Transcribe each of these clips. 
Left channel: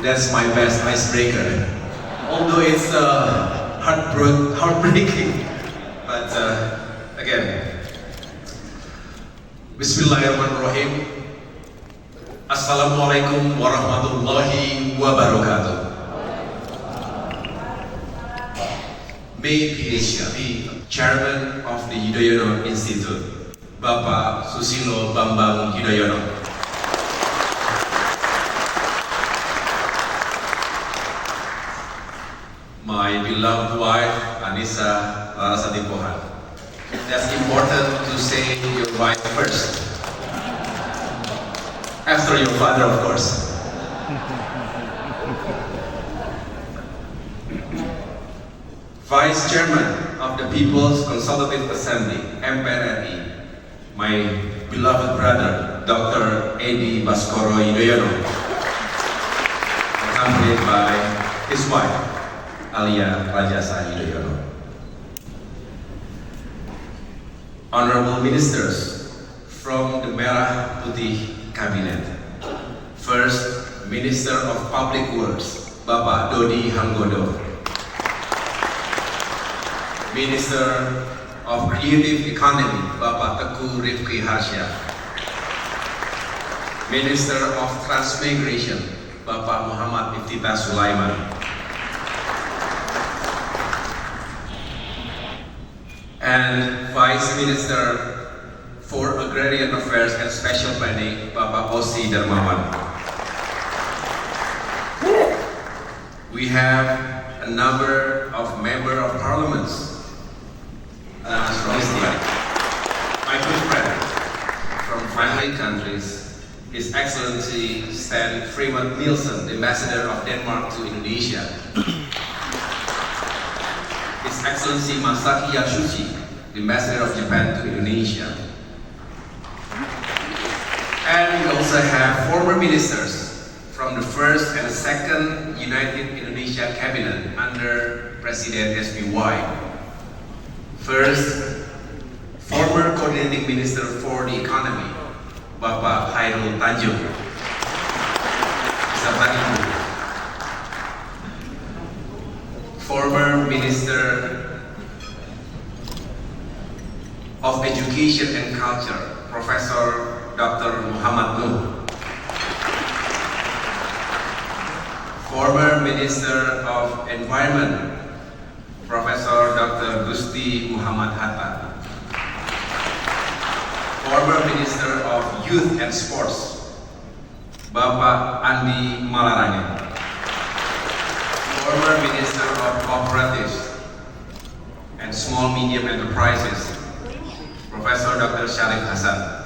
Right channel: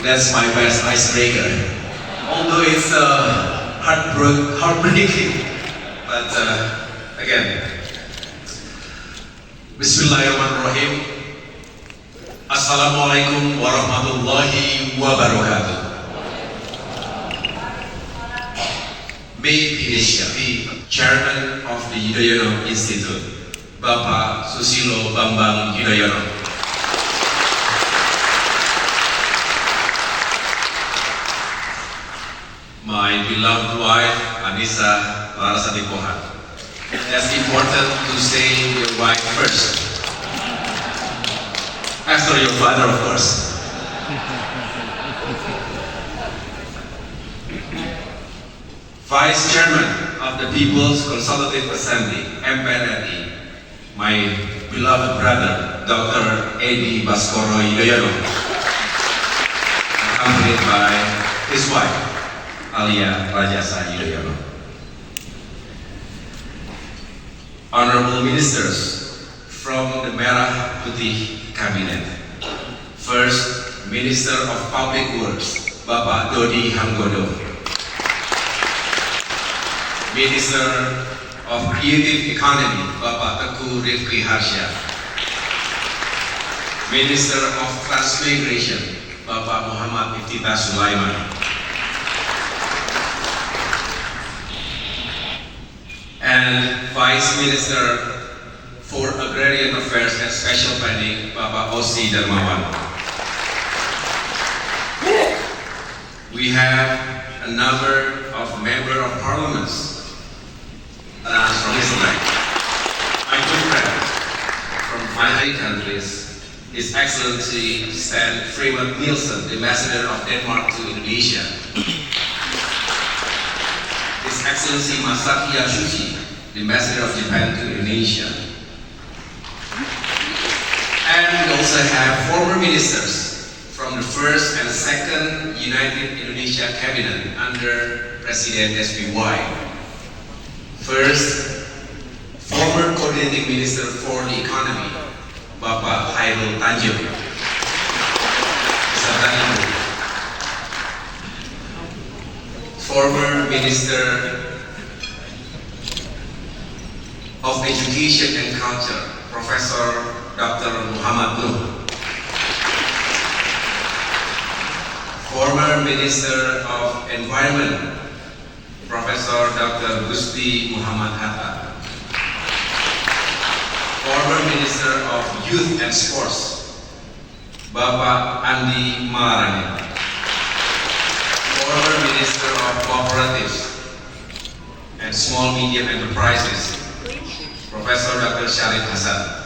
That's my best icebreaker. Although it's heartbreaking, but again, Bismillahirrahmanirrahim. Assalamualaikum warahmatullahi wabarakatuh. May PhD, Chairman of the Yudhoyono Institute, Bapak Susilo Bambang Yudhoyono. My beloved wife, Anissa Larasati Pohan. That's important to say your wife first. After your father, of course. Vice Chairman of the People's Consultative Assembly, MPRRI, my beloved brother, Dr. Edi Baskoro Yudhoyono, accompanied by his wife, Alia Rajasa Yudhoyono. Honorable Ministers from the Merah Putih Cabinet. First, Minister of Public Works, Bapak Dodi Hanggodo. Minister of Creative Economy, Bapak Teguh Rifki Harsha. Minister of Transmigration, Bapak Muhammad Iftitah Sulaiman. And Vice Minister for Agrarian Affairs and Special Planning, Bapak Osi Darmawan. We have a number of Member of Parliaments from Israel. My good friend from 5 countries, His Excellency Stan Freeman Nielsen, the Ambassador of Denmark to Indonesia. His Excellency Masaki Yasushi, the Ambassador of Japan to Indonesia. And we also have former ministers from the first and second United Indonesia Cabinet under President SBY. First, former Coordinating Minister for the Economy, Bapak Khairul Tanjung. Former Minister of Education and Culture, Professor Dr. Muhammad Nuh. Former Minister of Environment, Professor Dr. Gusti Muhammad Hatta. Former Minister of Youth and Sports, Bapak Andi Malarangin. Former Minister of Cooperatives and Small Medium Enterprises, Professor Dr. Syarif Hasan.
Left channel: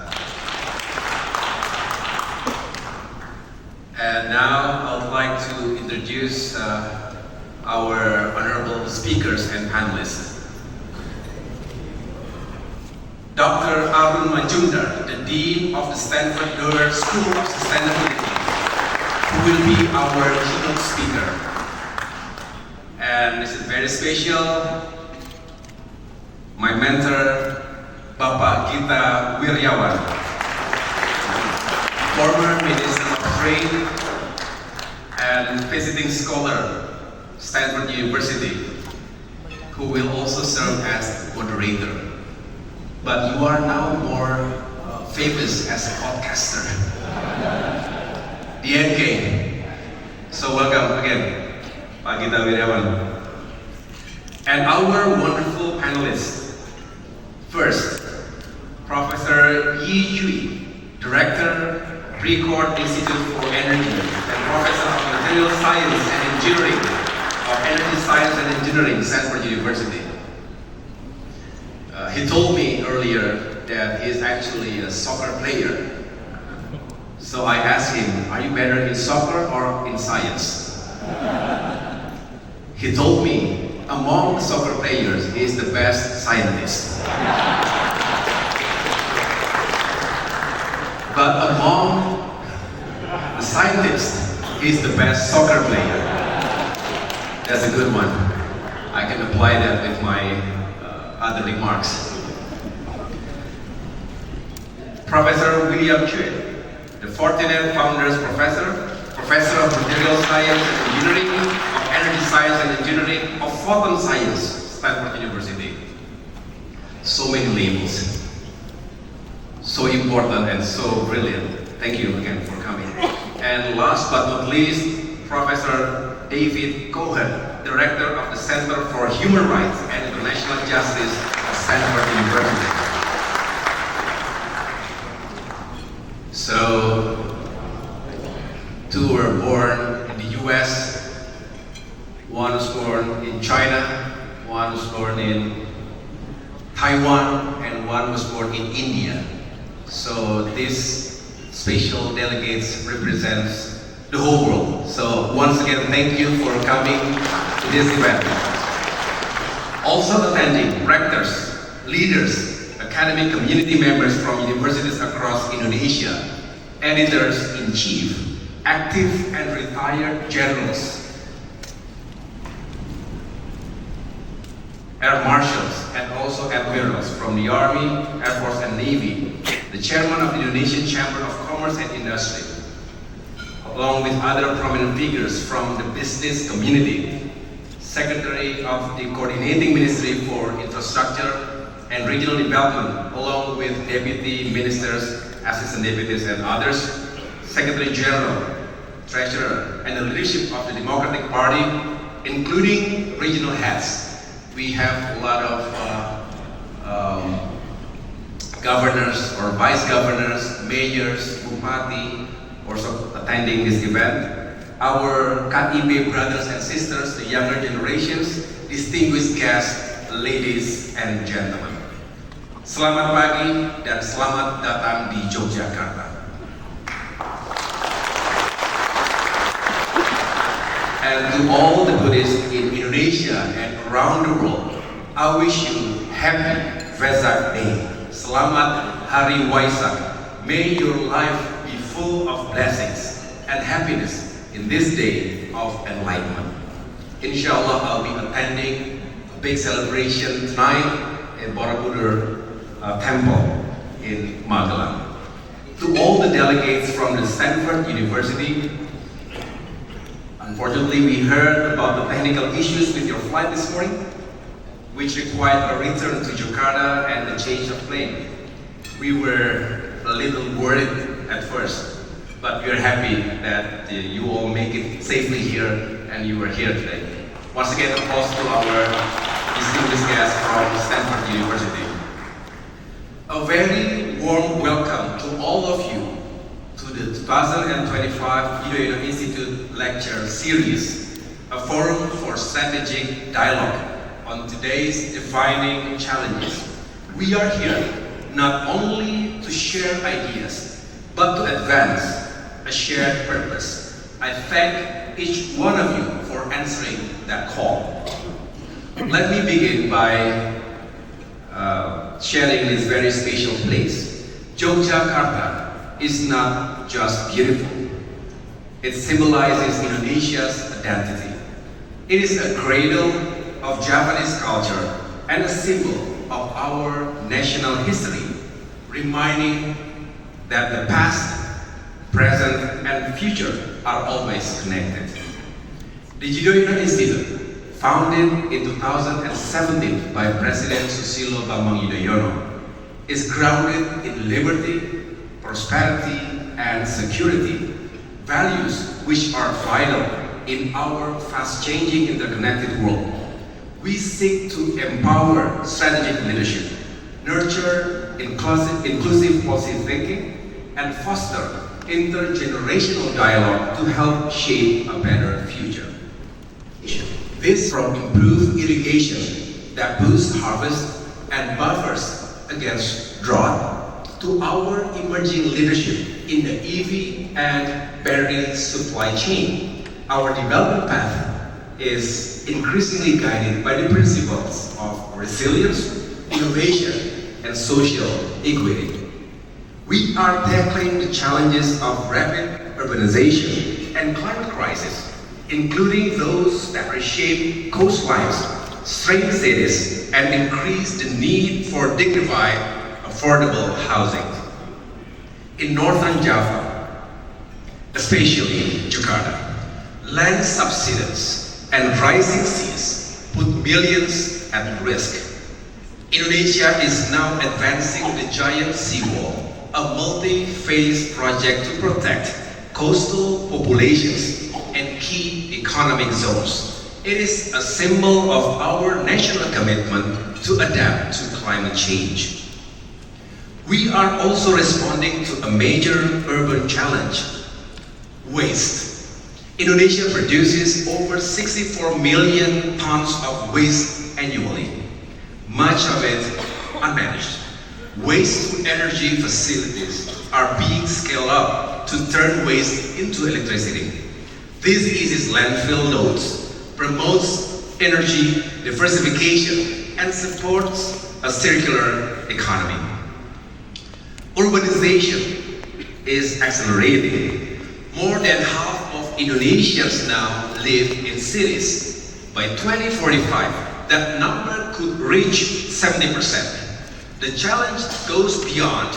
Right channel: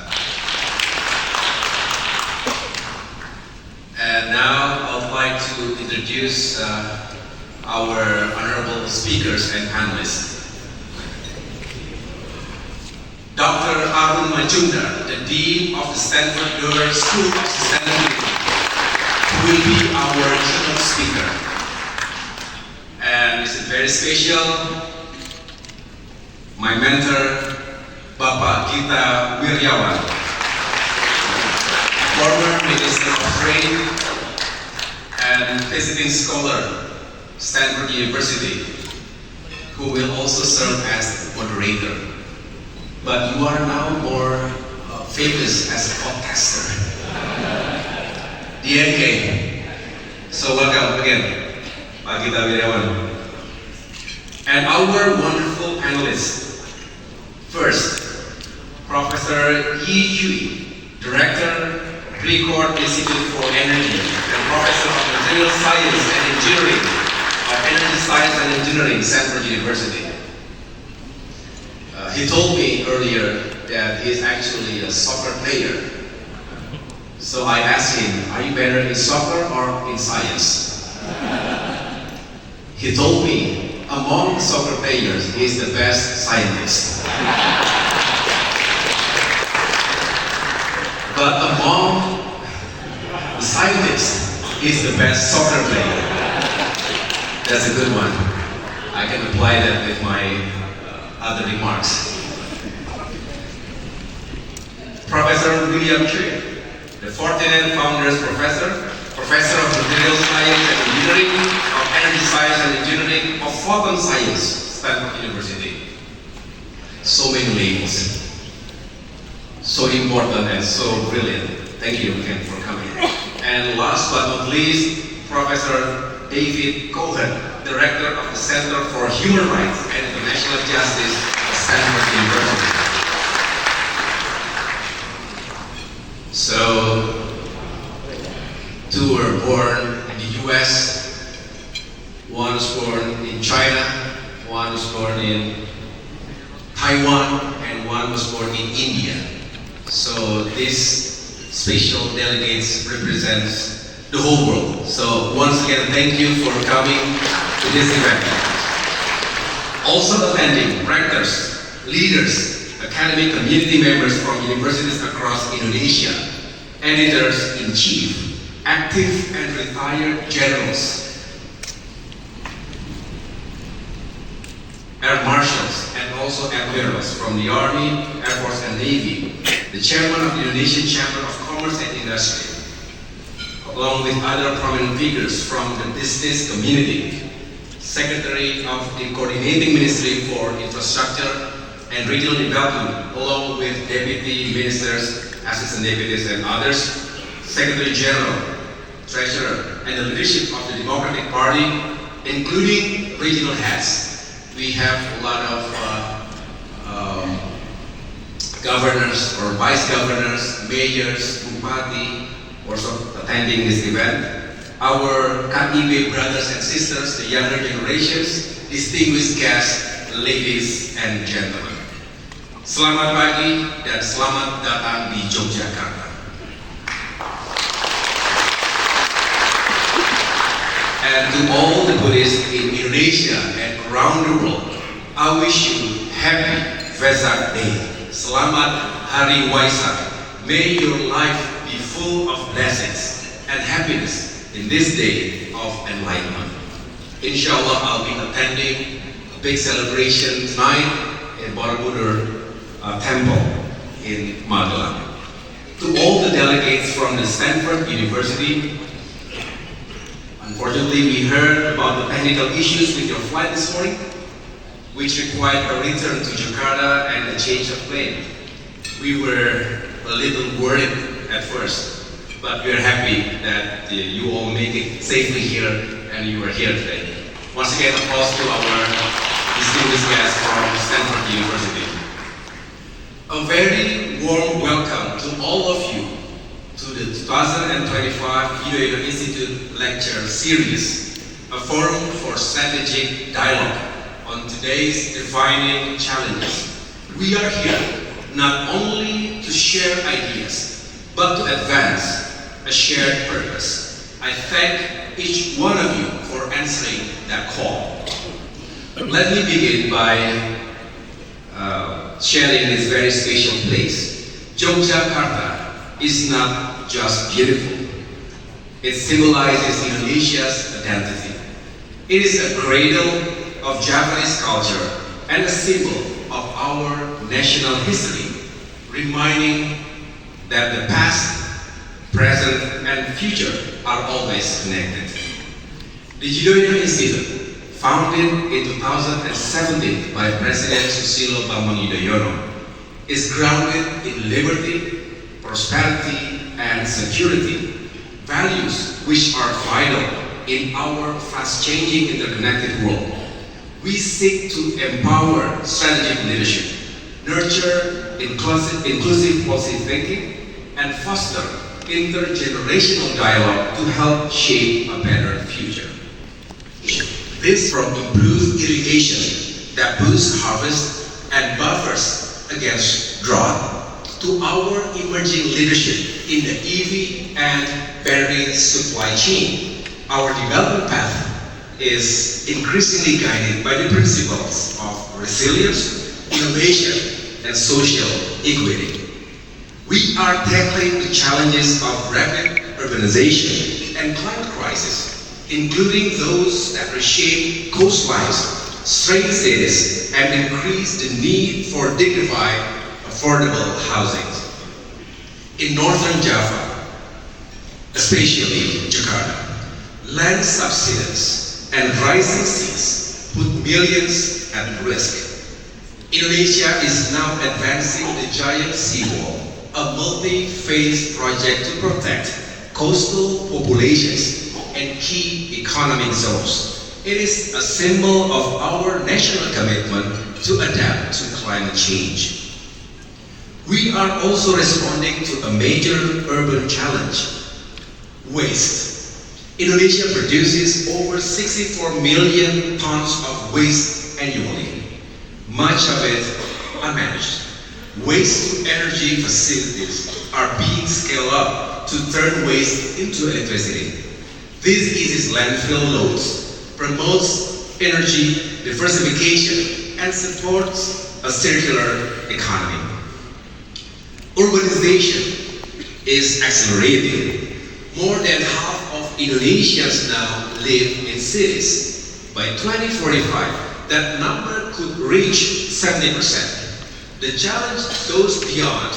And now I would like to introduce our honorable speakers and panelists. Dr. Arun Majumdar, the Dean of the Stanford Doerr School of Sustainability, who will be our keynote speaker. And this is very special, my mentor, Bapak Gita Wirjawan, former Minister of Trade and visiting scholar, Stanford University, who will also serve as moderator. But you are now more famous as a podcaster, DNK. So welcome again, Pak Gita Wirjawan. And our wonderful panelists. First, Professor Yi Yui, Director, Precourt Institute for Energy, and Professor of Material Science and Engineering of Energy Science and Engineering, Stanford University. He told me earlier that he's actually a soccer player. So I asked him, are you better in soccer or in science? He told me, among soccer players, he is the best scientist. But among the scientists, he's the best soccer player. That's a good one. I can apply that with my other remarks. Professor William Choi, the Fortinet Founders Professor Professor of Material Science and Engineering, of Energy Science and Engineering, of Photon Science, Stanford University. So many labels, so important and so brilliant. Thank you again for coming. And last but not least, Professor David Cohen, Director of the Center for Human Rights and International Justice at Stanford University. So, two were born in the US, one was born in China, one was born in Taiwan, and one was born in India. So these special delegates represents the whole world. So once again, thank you for coming to this event. Also attending, rectors, leaders, academic community members from universities across Indonesia, editors-in-chief, active and retired generals, air marshals, and also admirals from the Army, Air Force, and Navy, the chairman of the Indonesian Chamber of Commerce and Industry, along with other prominent figures from the business community, Secretary of the Coordinating Ministry for Infrastructure and Regional Development, along with Deputy Ministers, Assistant Deputies, and others, Secretary General, Treasurer, and the leadership of the Democratic Party, including regional heads. We have a lot of governors or vice governors, mayors, bupati, also attending this event. Our KIP brothers and sisters, the younger generations, distinguished guests, ladies and gentlemen. Selamat pagi dan selamat datang di Yogyakarta. And to all the Buddhists in Indonesia and around the world, I wish you happy Vesak Day. Selamat Hari Waisak. May your life be full of blessings and happiness in this day of enlightenment. Inshallah, I'll be attending a big celebration tonight in Borobudur Temple in Magelang. To all the delegates from the Stanford University, unfortunately, we heard about the technical issues with your flight this morning, which required a return to Jakarta and a change of plane. We were a little worried at first, but we are happy that you all make it safely here and you are here today. Once again, applause to our distinguished guests from Stanford University. A very warm welcome to all of you to the 2025 Ido Institute Lecture Series, a forum for strategic dialogue on today's defining challenges. We are here not only to share ideas, but to advance a shared purpose. I thank each one of you for answering that call. Let me begin by sharing this very special place. Yogyakarta is not just beautiful. It symbolizes Indonesia's identity. It is a cradle of Japanese culture and a symbol of our national history, reminding that the past, present, and future are always connected. The Yudhoyono Institute, founded in 2017 by President Susilo Bambang Yudhoyono, is grounded in liberty, prosperity, and security, values which are vital in our fast-changing interconnected world. We seek to empower strategic leadership, nurture inclusive policy thinking, and foster intergenerational dialogue to help shape a better future. This from improved irrigation that boosts harvest and buffers against drought, to our emerging leadership in the EV and battery supply chain. Our development path is increasingly guided by the principles of resilience, innovation, and social equity. We are tackling the challenges of rapid urbanization and climate crisis, including those that reshape coastlines, strain cities, and increase the need for dignified, affordable housing. In northern Java, especially Jakarta. Land subsidence and rising seas put millions at risk. Indonesia is now advancing the giant seawall, a multi-phase project to protect coastal populations and key economic zones. It is a symbol of our national commitment to adapt to climate change. We are also responding to a major urban challenge: waste. Indonesia produces over 64 million tons of waste annually, much of it unmanaged. Waste-to-energy facilities are being scaled up to turn waste into electricity. This eases landfill loads, promotes energy diversification, and supports a circular economy. Urbanization is accelerating. More than half of Indonesians now live in cities. By 2045, that number could reach 70%. The challenge goes beyond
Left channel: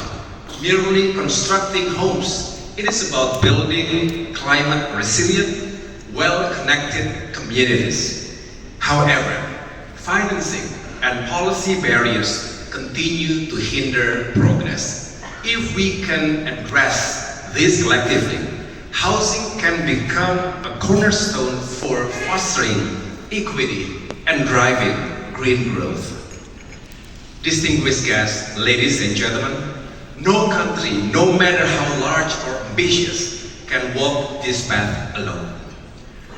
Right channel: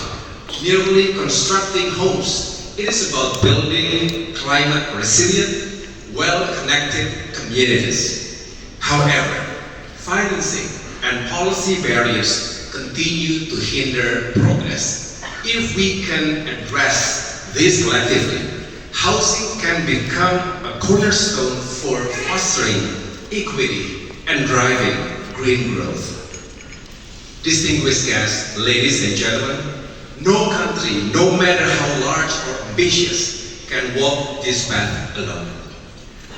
merely constructing homes. It is about building climate resilient, well-connected communities. However, financing and policy barriers continue to hinder progress. If we can address this collectively, housing can become a cornerstone for fostering equity and driving green growth. Distinguished guests, ladies and gentlemen, no country, no matter how large or ambitious, can walk this path alone.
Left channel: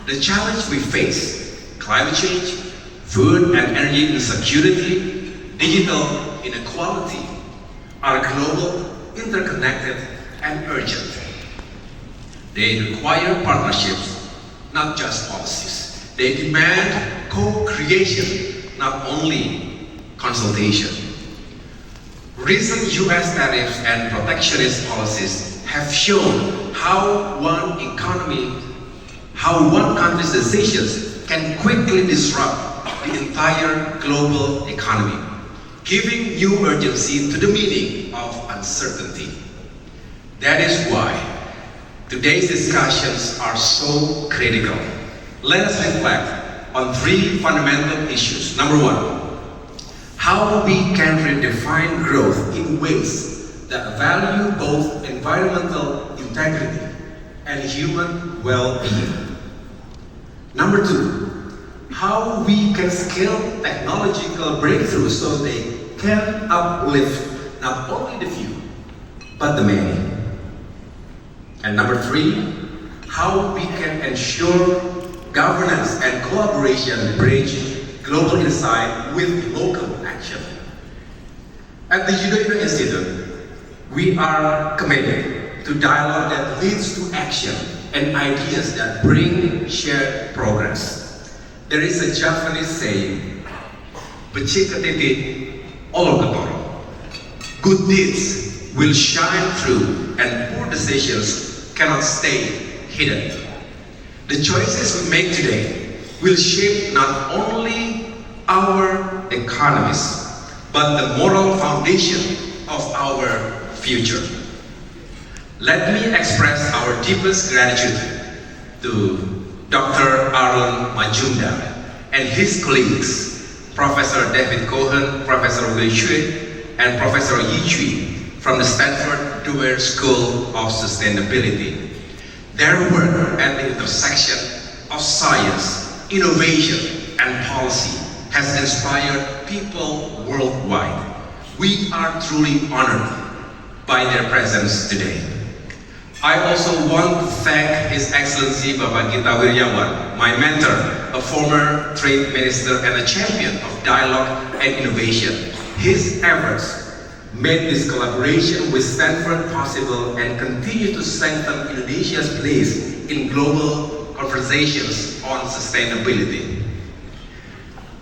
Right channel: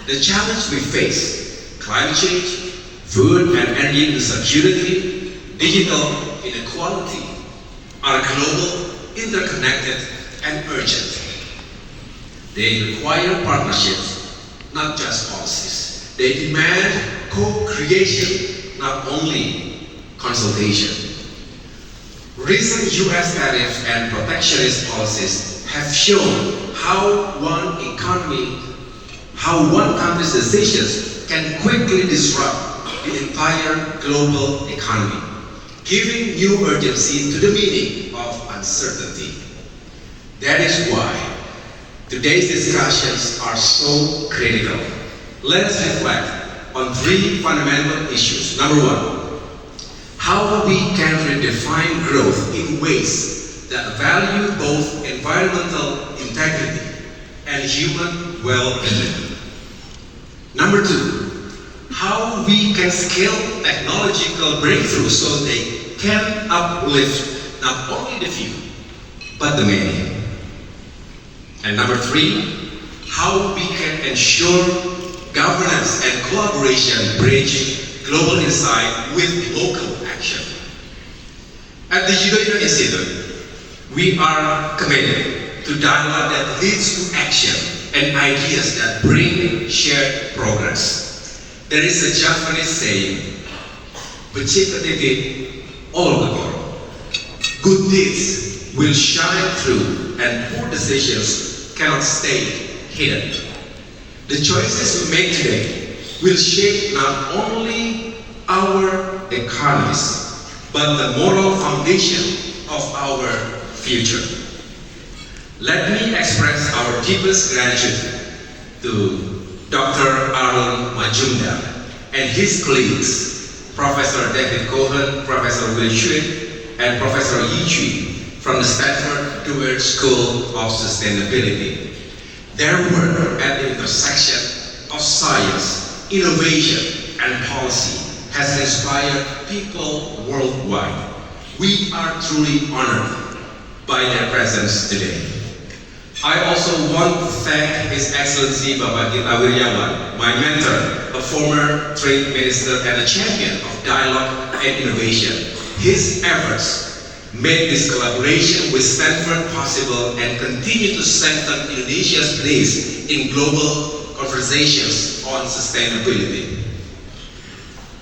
The challenge we face, climate change, food and energy insecurity, digital inequality, are global, interconnected, and urgent. They require partnerships, not just policies. They demand co-creation, not only consultation. Recent US tariffs and protectionist policies have shown how one country's decisions can quickly disrupt the entire global economy, giving new urgency to the meaning of uncertainty. That is why today's discussions are so critical. Let us reflect on three fundamental issues. Number one, how we can redefine growth in ways that value both environmental integrity and human well-being. Number two, how we can scale technological breakthroughs so they can uplift not only the few, but the many. And number three, how we can ensure governance and collaboration bridge global insight with local action. At the Judo Institute, we are committed to dialogue that leads to action and ideas that bring shared progress. There is a Japanese saying, "Becika titik ologoro." Good deeds will shine through, and poor decisions cannot stay hidden. The choices we make today will shape not only our economies, but the moral foundation of our future. Let me express our deepest gratitude to Dr. Arun Majumdar and his colleagues, Professor David Cohen, Professor Will Shui, and Professor Yi Chui from the Stanford Doerr School of Sustainability. Their work at the intersection of science, innovation, and policy has inspired people worldwide. We are truly honored by their presence today. I also want to thank His Excellency Bapak Gita Wirjawan, my mentor, a former trade minister and a champion of dialogue and innovation. His efforts made this collaboration with Stanford possible and continue to strengthen Indonesia's place in global conversations on sustainability.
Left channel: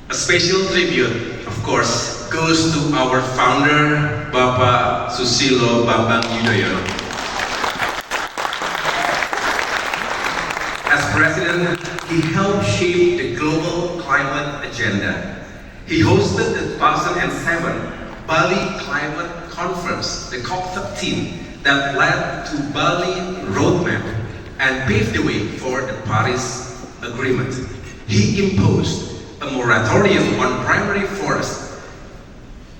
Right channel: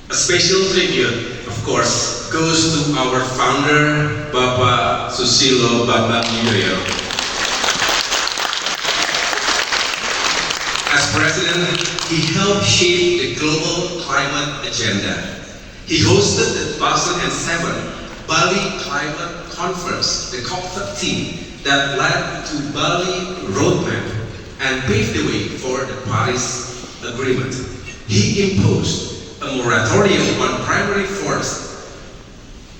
A special tribute, of course, goes to our founder, Bapak Susilo Bambang Yudhoyono. As president, he helped shape the global climate agenda. He hosted the 2007 Bali Climate Conference, the COP13, that led to Bali Roadmap, and paved the way for the Paris Agreement. He imposed a moratorium on primary forest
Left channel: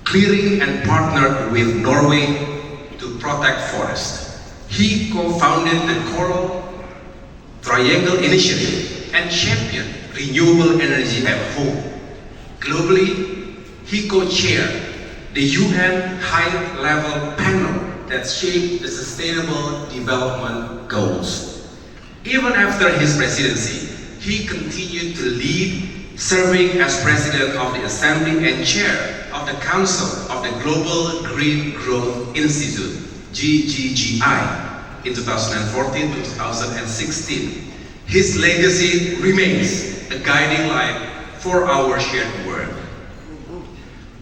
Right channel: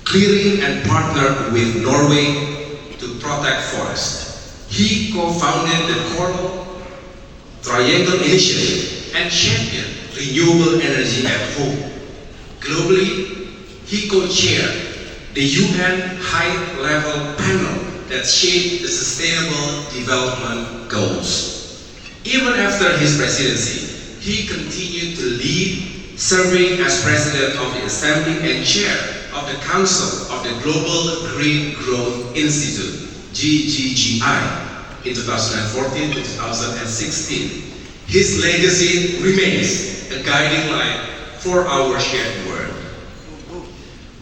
clearing and partnered with Norway to protect forests. He co-founded the Coral Triangle Initiative and championed renewable energy at home. Globally, he co-chaired the UN high-level panel that shaped the Sustainable Development Goals. Even after his presidency, he continued to lead, serving as president of the Assembly and chair of the Council of the Global Green Growth Institute, GGGI, in 2014 to 2016. His legacy remains a guiding light for our shared work.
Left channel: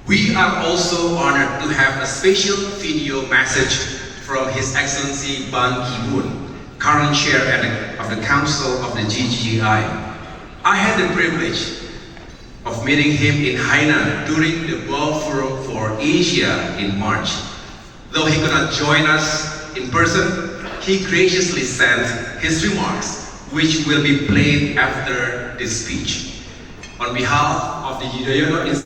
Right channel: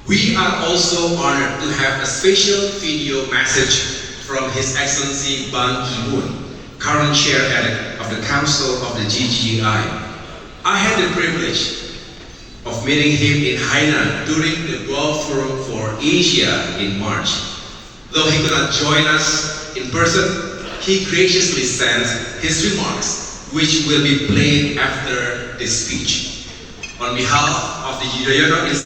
We are also honored to have a special video message from His Excellency Ban Ki-moon, current chair of the Council of the GGI. I had the privilege of meeting him in Hainan during the World Forum for Asia in March. Though he could not join us in person, he graciously sent his remarks, which will be played after this speech. On behalf of the Yudhoyono Institute,